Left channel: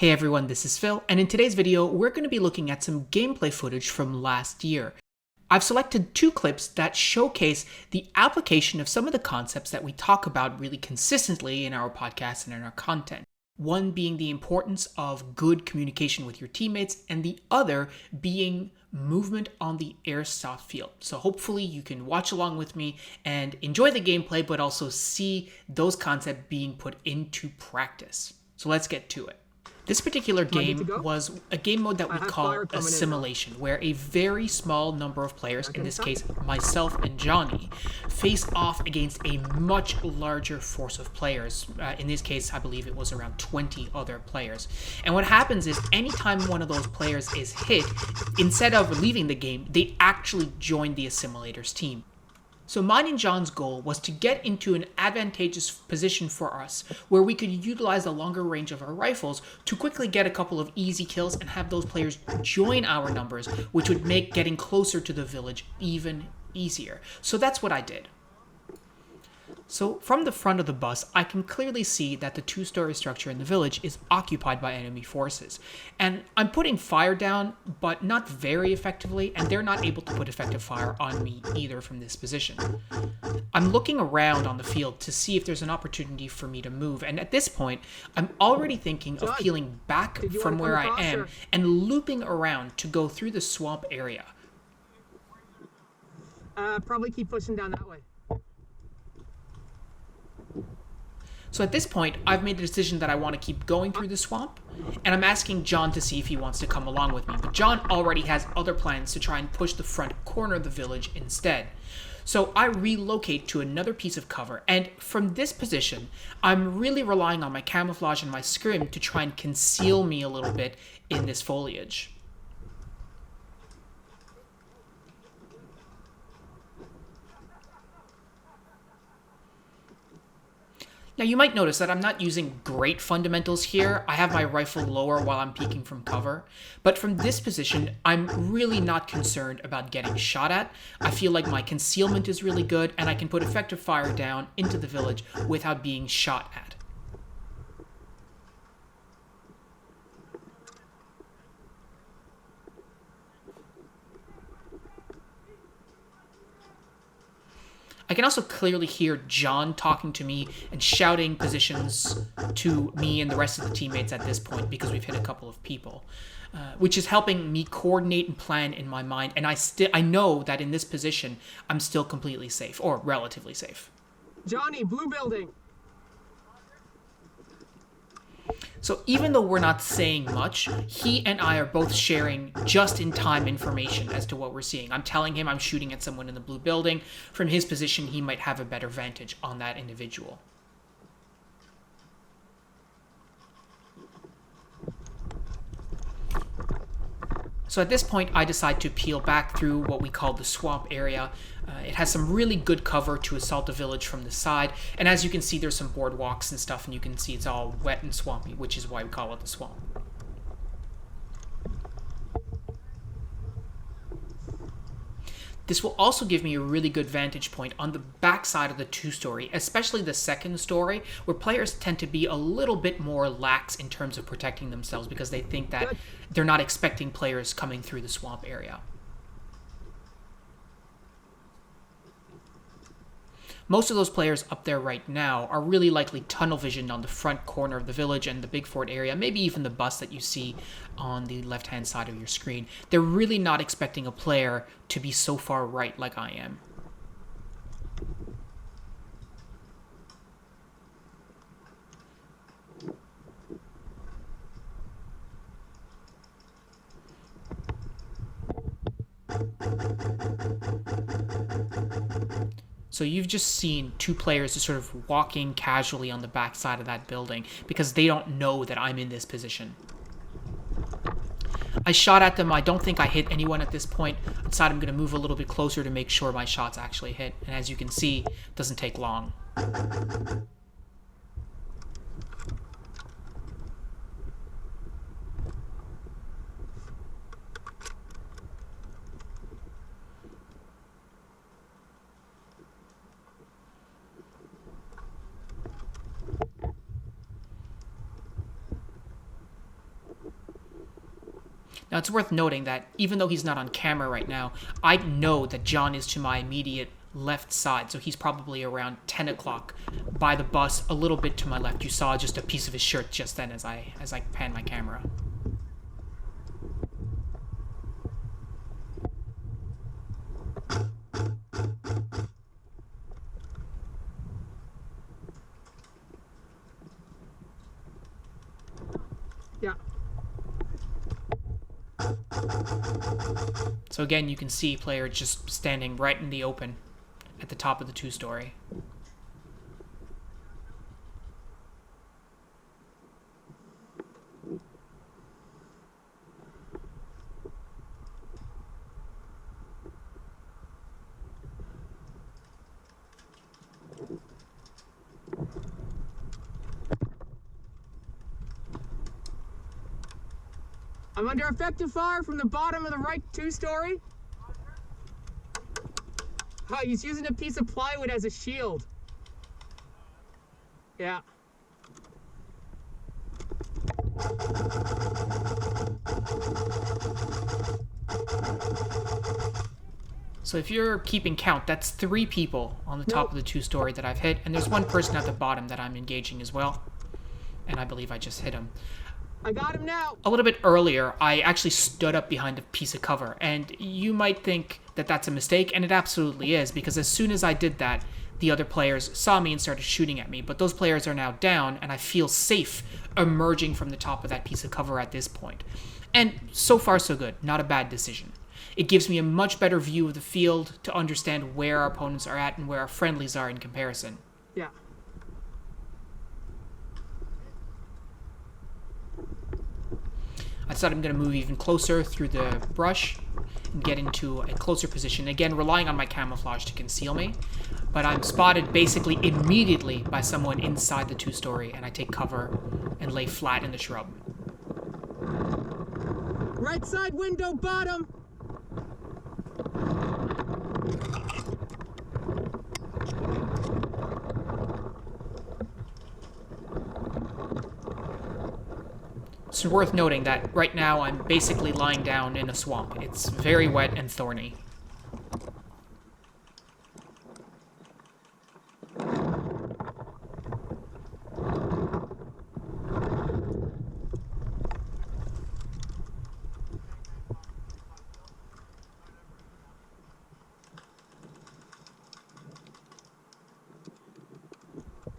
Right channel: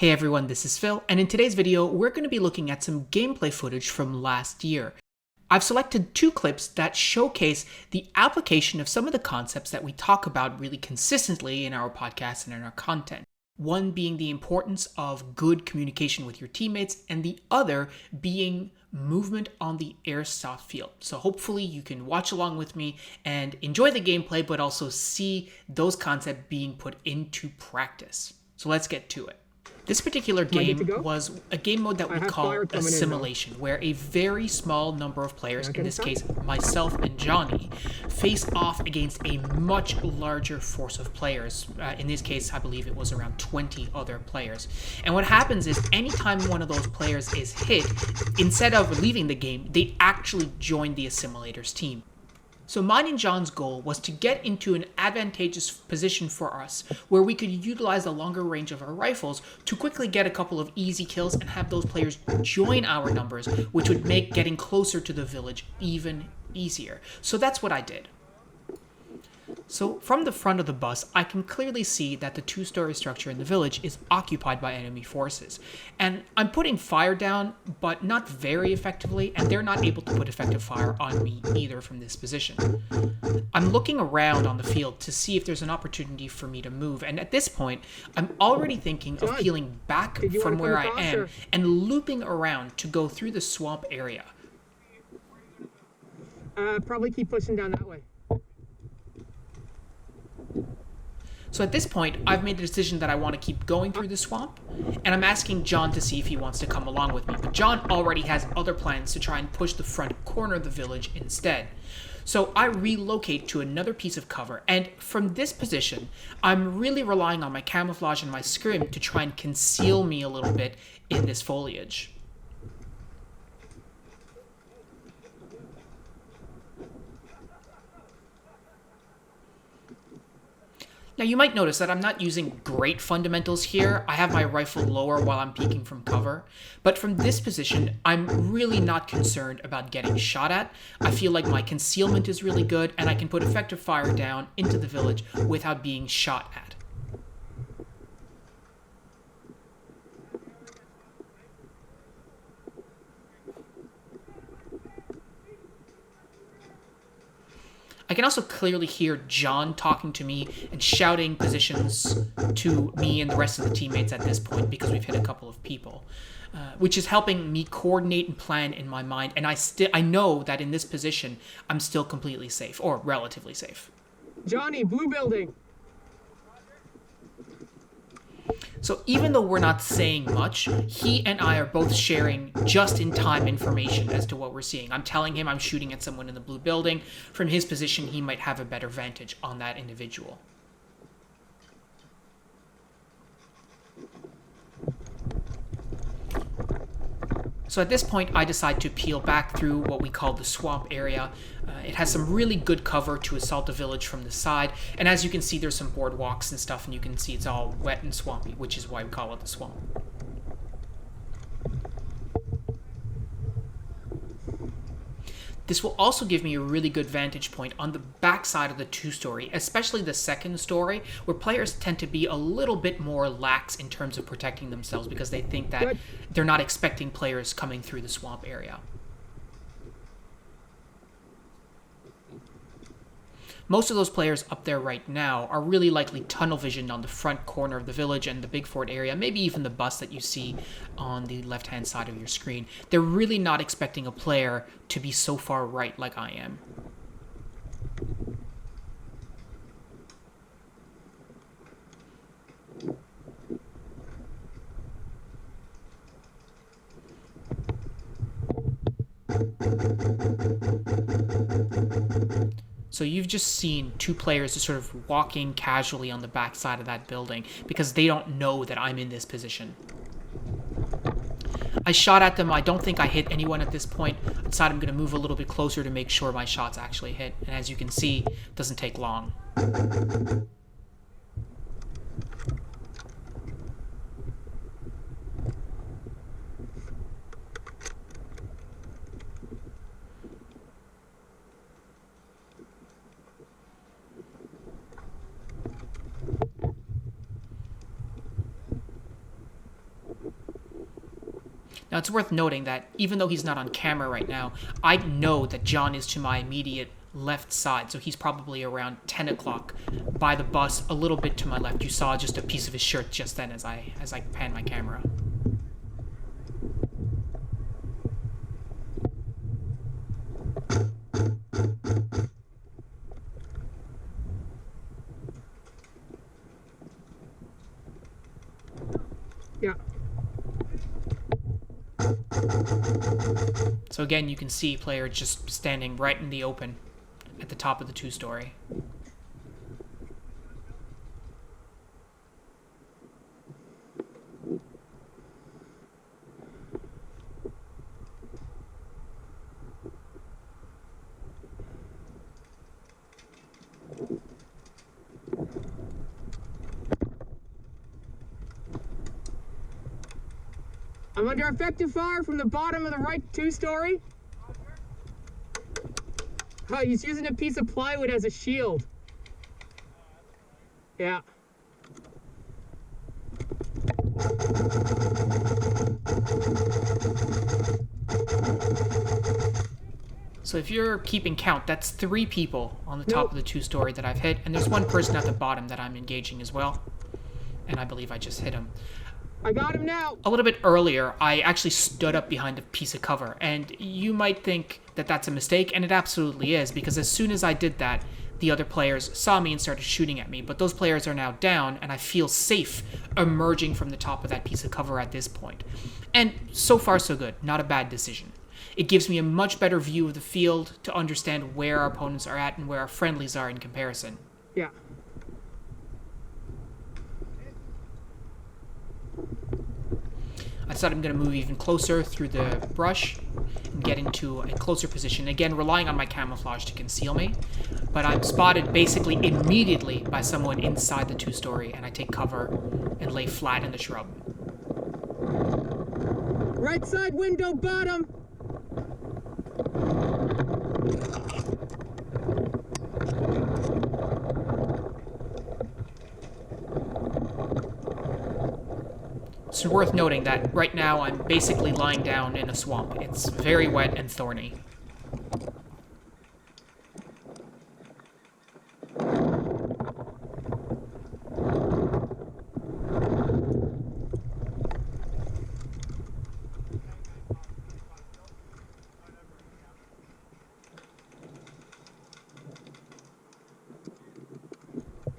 Hey everyone, this is Phil, and in today's video, we're going to be looking at some gameplay footage from last year. I've selected two clips that showcase the application of some of the concepts that we talk about really consistently in our podcast and in our content. One being the importance of good communication with your teammates, and the other being movement on the airsoft field. So hopefully you can watch along with me and enjoy the gameplay, but also see those concepts being put into practice. So let's get to it. This particular game was a game mode that we call assimilation, where a very small number of players, in this case myself and Johnny, face off against a much larger force of players. In this case, I believe it was around 20 other players. And what happens is anytime one of those players is hit, instead of leaving the game, they actually join the assimilator's team. So mine and John's goal was to get into an advantageous position for us where we could utilize the longer range of our rifles to quickly get a couple of easy kills and have those players join our numbers, which would make getting closer to the village even easier. So that's what I did. So from the front of the bus, I can clearly see that the two-story structure in the village is occupied by enemy forces. And I'm putting fire down, but not very effectively, and they're not able to put effective fire on me either from this position. I'm looking around on the field to see if there's an opportunity for me to move, and at this point, I'm already thinking of peeling back from where I am and looping around to go through the swamp area. Probably keep pushing down that way. So at this point, I've made the decision that I want to keep going through the swamp, and I'm asking John to see if he wants to come along with me. But John already has other plans to try and push the front corner of the village instead. So I relocate to another piece of cover, and from this position, I'm really relying on my camouflage and my scrim to try and conceal me a little bit in this foliage. Now you might notice that I'm not using great fundamentals here. I have my rifle lower while I'm peeking from cover. But from this position, I'm really not concerned about getting shot at. I feel like my concealment is really good and I can put effective fire down into the village without being shot at. I can also clearly hear John talking to me and shouting positions to me and the rest of the teammates at this point because we've hit a couple of people, which is helping me coordinate and plan in my mind. And I know that in this position, I'm still completely safe, or relatively safe. Johnny, blue building. So even though we're not saying much, he and I are both sharing just-in-time information as to what we're seeing. I'm telling him I'm shooting at someone in the blue building. From his position, he might have a better vantage on that individual. So at this point, I decide to peel back through what we call the swamp area. It has some really good cover to assault the village from the side. And as you can see, there's some boardwalks and stuff, and you can see it's all wet and swampy, which is why we call it the swamp. This will also give me a really good vantage point on the backside of the two-story, especially the second story, where players tend to be a little bit more lax in terms of protecting themselves because they think that they're not expecting players coming through the swamp area. Most of those players up there right now are really likely tunnel visioned on the front corner of the village and the big fort area, maybe even the bus that you see on the left-hand side of your screen. They're really not expecting a player to be so far right like I am. So you've just seen two players just sort of walking casually on the backside of that building because they don't know that I'm in this position. I shot at them. I don't think I hit anyone at this point. I decided I'm going to move a little bit closer to make sure my shots actually hit. And as you can see, it doesn't take long. Now, it's worth noting that even though he's not on camera right now, I know that John is to my immediate left side, so he's probably around 10 o'clock by the bus, a little bit to my left. You saw just a piece of his shirt just then as I pan my camera. Yeah. So again, you can see player just standing right in the open at the top of the two-story. I'm under effective fire from the bottom of the right two-story. Oh, he's using a piece of plywood as a shield. Yeah. So if you're keeping count, that's 3 people on the top of the two-story that I've hit, and there's 1 person at the bottom that I'm engaging as well. And I believe I just hit him. I got him now. A little bit earlier, I actually stood up behind a piece of cover, and you might think that that's a mistake, and it absolutely is, because as soon as I did that, the other players saw me and started shooting at me, but those players are now down, and I feel safe emerging from the top of that piece of cover at this point. And so far, so good. Not a bad decision. It gives me a much better view of the field to understand where our opponents are at and where our friendlies are in comparison. Yeah. I decided I'm going to move even closer through the brush and get into a closer position. Again, relying on my camouflage to conceal me. But I'm spotted basically immediately by someone inside the two-story, and I take cover and lay flat in the shrub. Right side window, bottom. It's worth noting that right now I'm basically lying down in a swamp. It's very wet and thorny.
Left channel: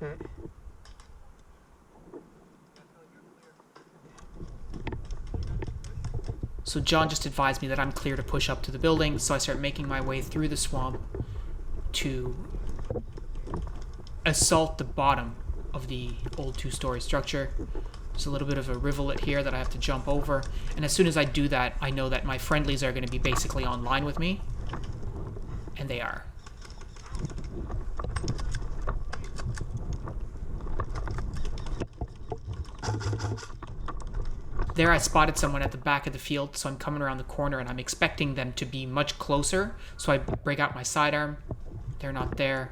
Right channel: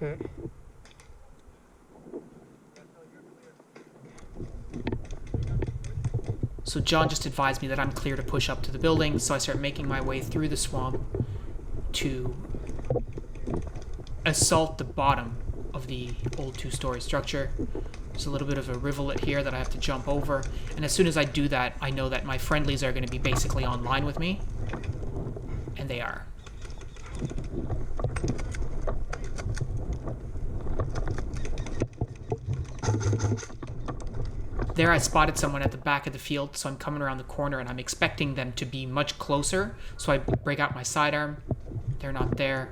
Okay. So John just advised me that I'm clear to push up to the building, so I start making my way through the swamp to assault the bottom of the old two-story structure. There's a little bit of a rivulet here that I have to jump over, and as soon as I do that, I know that my friendlies are going to be basically online with me, and they are. There I spotted someone at the back of the field, so I'm coming around the corner and I'm expecting them to be much closer. So I break out my sidearm. They're not there.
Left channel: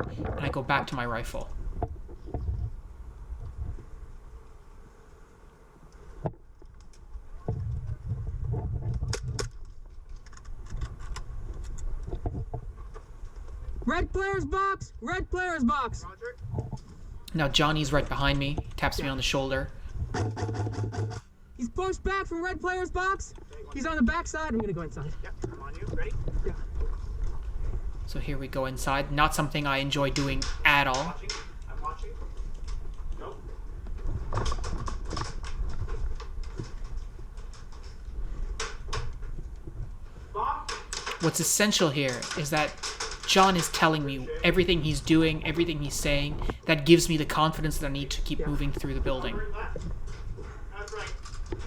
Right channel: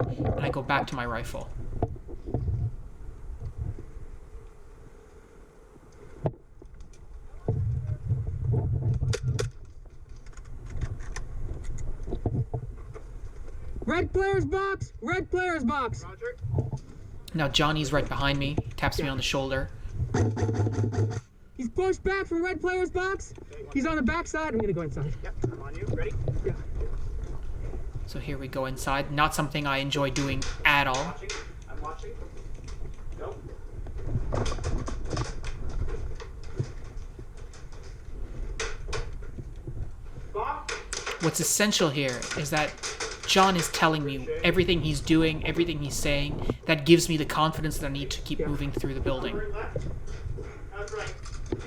And I go back to my rifle. Red player's box! Red player's box! Now Johnny's right behind me. He taps me on the shoulder. He's pushed back from red player's box. He's on the back side. I'm gonna go inside. Yep, I'm on you. Ready? Yeah. So here we go inside. Not something I enjoy doing at all. I'm watching. Go. Bob? What's essential here is that John is telling me everything he's doing, everything he's saying. That gives me the confidence that I need to keep moving through the building. Left. That's right.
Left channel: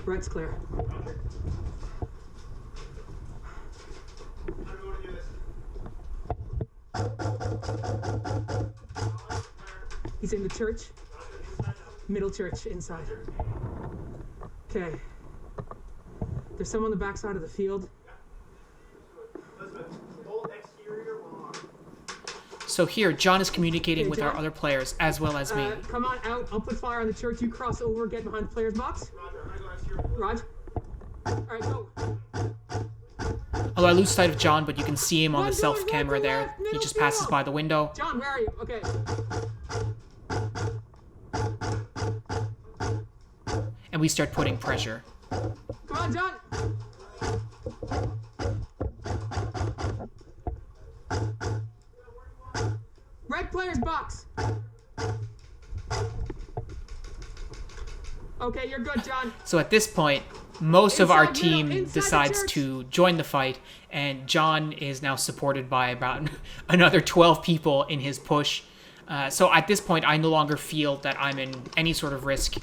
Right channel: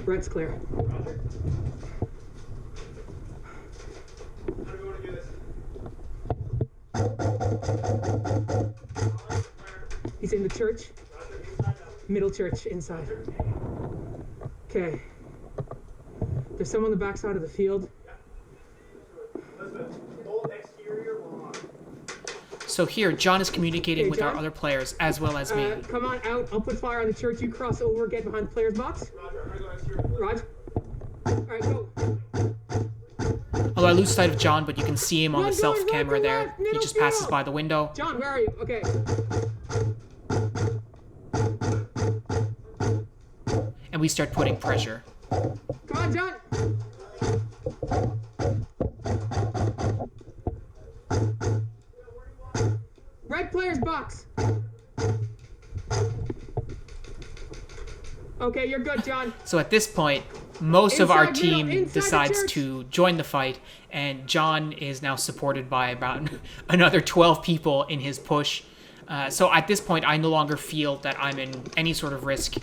Red's clear. Roger. How do we want to do this? He's in the church. Middle church inside. Okay. There's someone on the back side of the field. So here, John is communicating with our other players as well as me. Come on out. I'll put fire on the church. You cross over, get behind the player's box. Roger, I go next to your Rod. Alright, go. Although I lose sight of John, but you can see him on the self camera there. He just passes by the window. John, where are you? Okay. And we start putting pressure. Come on, John. Red player's box. Okay, you're good, John. So at this point, most of our Inside middle, team inside decides church. to join the fight, and John is now supported by about another 12 people in his push. So at this point, I no longer feel that I'm in any sort of risk,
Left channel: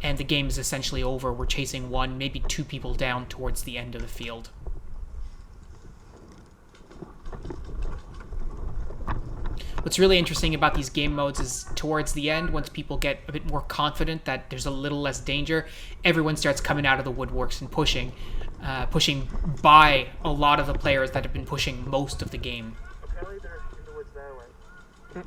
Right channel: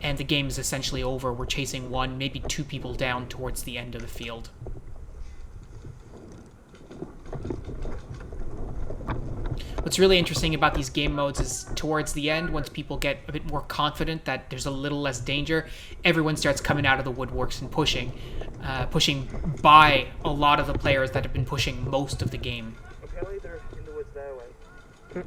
and the game is essentially over. We're chasing one, maybe two people down towards the end of the field. What's really interesting about these game modes is towards the end, once people get a bit more confident that there's a little less danger, everyone starts coming out of the woodworks and pushing by a lot of the players that have been pushing most of the game. Apparently they're in the woods that way.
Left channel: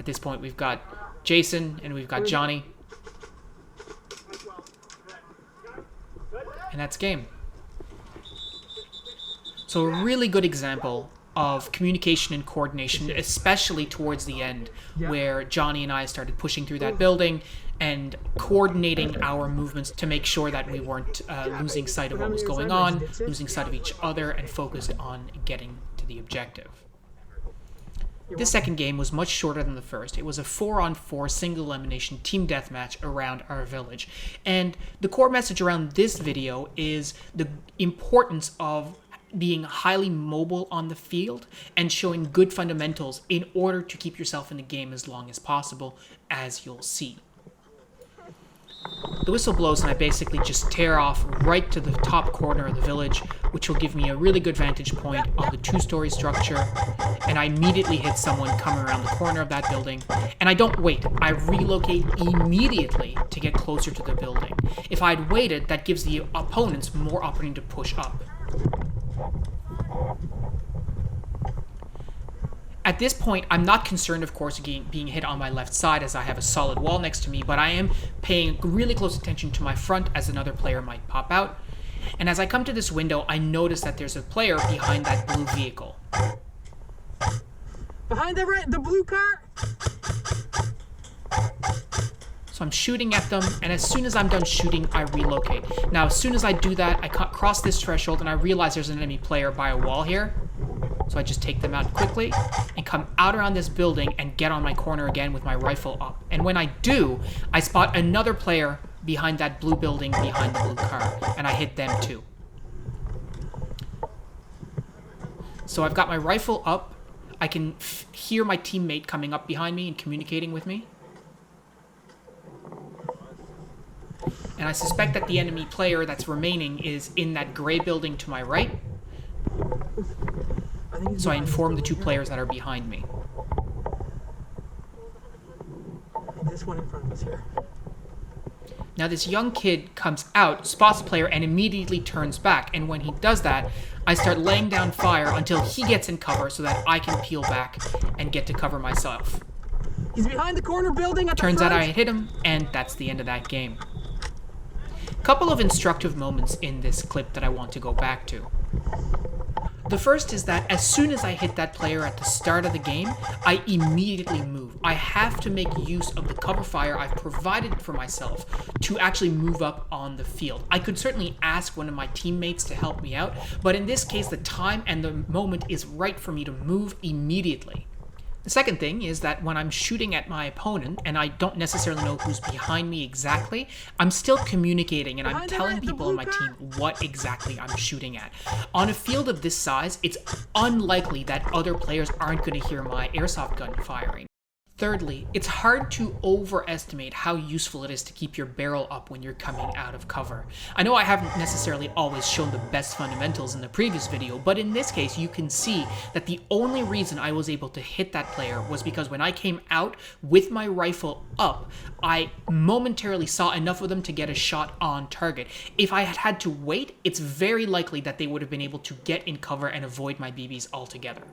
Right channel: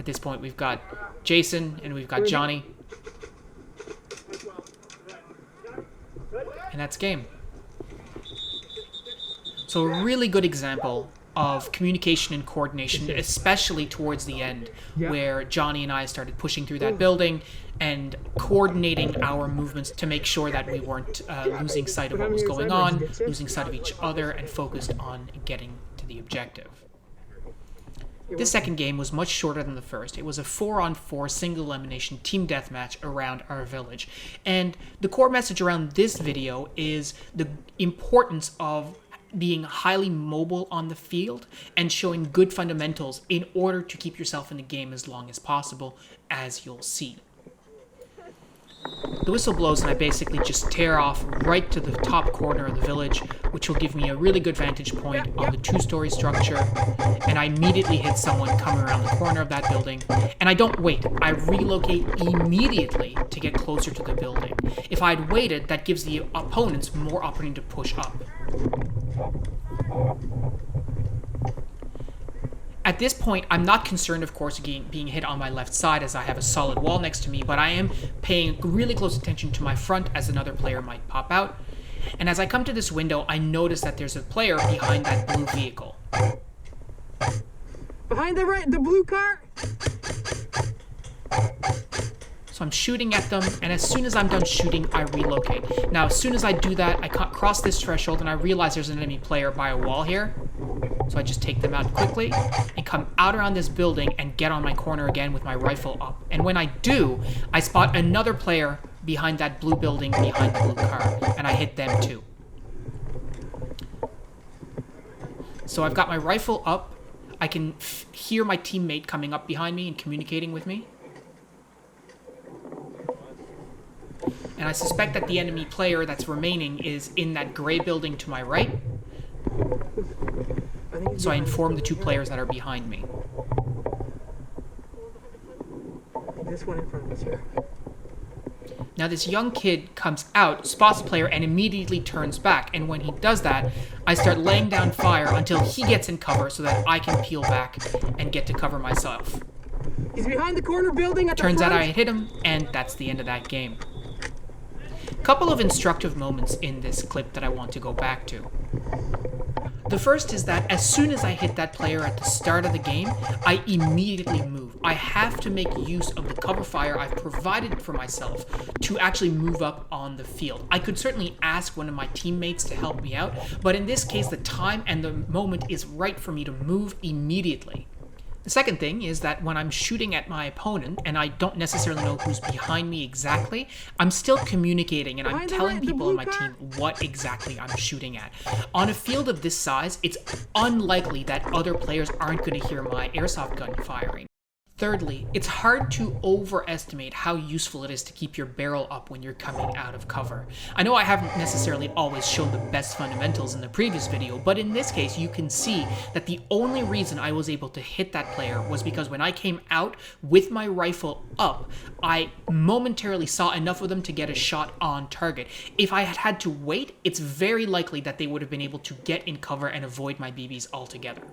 At this point, we've got Jason and we've got Johnny. And that's game. So a really good example of communication and coordination, especially towards the end, where Johnny and I started pushing through that building and coordinating our movements to make sure that we weren't losing sight of what was going on, losing sight of each other, and focused on getting to the objective. This second game was much shorter than the first. It was a 4-on-4 single elimination team deathmatch around our village. And the core message around this video is the importance of being highly mobile on the field and showing good fundamentals in order to keep yourself in the game as long as possible, as you'll see. The whistle blows and I basically just tear off right to the top corner of the village, which will give me a really good vantage point on the two-story structure, and I immediately hit someone coming around the corner of that building, and I don't wait. I relocate immediately to get closer to the building. If I'd waited, that gives the opponents more opportunity to push up. At this point, I'm not concerned, of course, being hit on my left side as I have a solid wall next to me, but I am paying really close attention to my front as another player might pop out. And as I come to this window, I notice that there's a player behind that blue vehicle. Behind the blue car. So I'm shooting at them, and as soon as I'm done shooting, I relocate. Now, as soon as I do that, I cross this threshold, and I realize there's an enemy player by a wall here. So I just take them out quickly and come out around this building and get on my corner again with my rifle up. And when I do, I spot another player behind that blue building behind the blue car, and I hit them too. So I've got my rifle up. I can hear my teammate coming up behind me and communicating with me. And I suspect that the enemy player that's remaining is in that gray building to my right. So I inform the two players that are behind me. And this one in front of us here. Now this young kid comes out, spots a player, and immediately turns back. And when he does that, I start laying down fire until he gets in cover so that I can peel back and get to cover myself. He's behind the corner building. Turns out I hit him, and that's the end of that game. Couple of instructive moments in this clip that I want to go back to. The first is that as soon as I hit that player at the start of the game, I immediately move. I have to make use of the cover fire I've provided for myself to actually move up on the field. I could certainly ask one of my teammates to help me out, but in this case, the time and the moment is right for me to move immediately. The second thing is that when I'm shooting at my opponent and I don't necessarily know who's behind me exactly, I'm still communicating and I'm telling people on my team what exactly I'm shooting at. On a field of this size, it's unlikely that other players aren't going to hear my airsoft gun firing. Thirdly, it's hard to overestimate how useful it is to keep your barrel up when you're coming out of cover. I know I haven't necessarily always shown the best fundamentals in the previous video, but in this case you can see that the only reason I was able to hit that player was because when I came out with my rifle up, I momentarily saw enough of them to get a shot on target. If I had had to wait, it's very likely that they would have been able to get in cover and avoid my BBs altogether.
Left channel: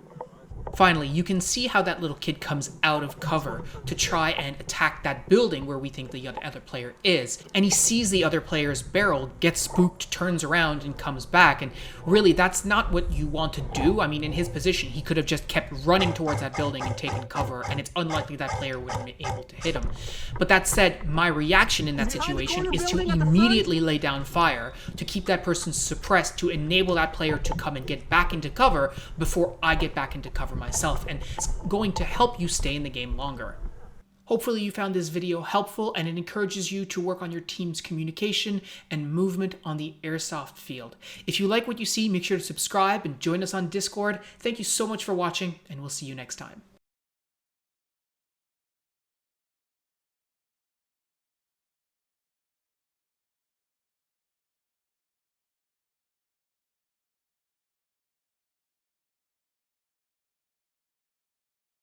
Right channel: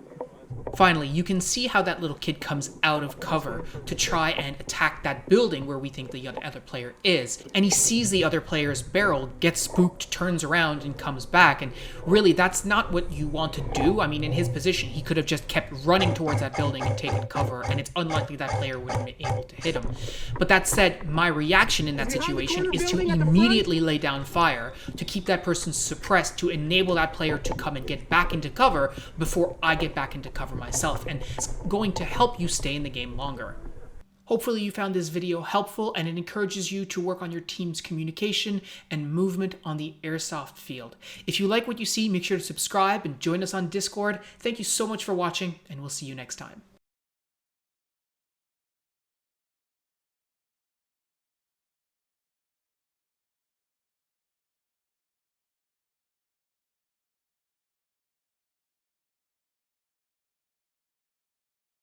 Finally, you can see how that little kid comes out of cover to try and attack that building where we think the other player is. And he sees the other player's barrel, gets spooked, turns around, and comes back. And really, that's not what you want to do. I mean, in his position, he could have just kept running towards that building and taken cover, and it's unlikely that player would have been able to hit him. But that said, my reaction in that situation is to immediately lay down fire, to keep that person suppressed, to enable that player to come and get back into cover before I get back into cover myself, and it's going to help you stay in the game longer. Hopefully you found this video helpful and it encourages you to work on your team's communication and movement on the airsoft field. If you like what you see, make sure to subscribe and join us on Discord. Thank you so much for watching, and we'll see you next time.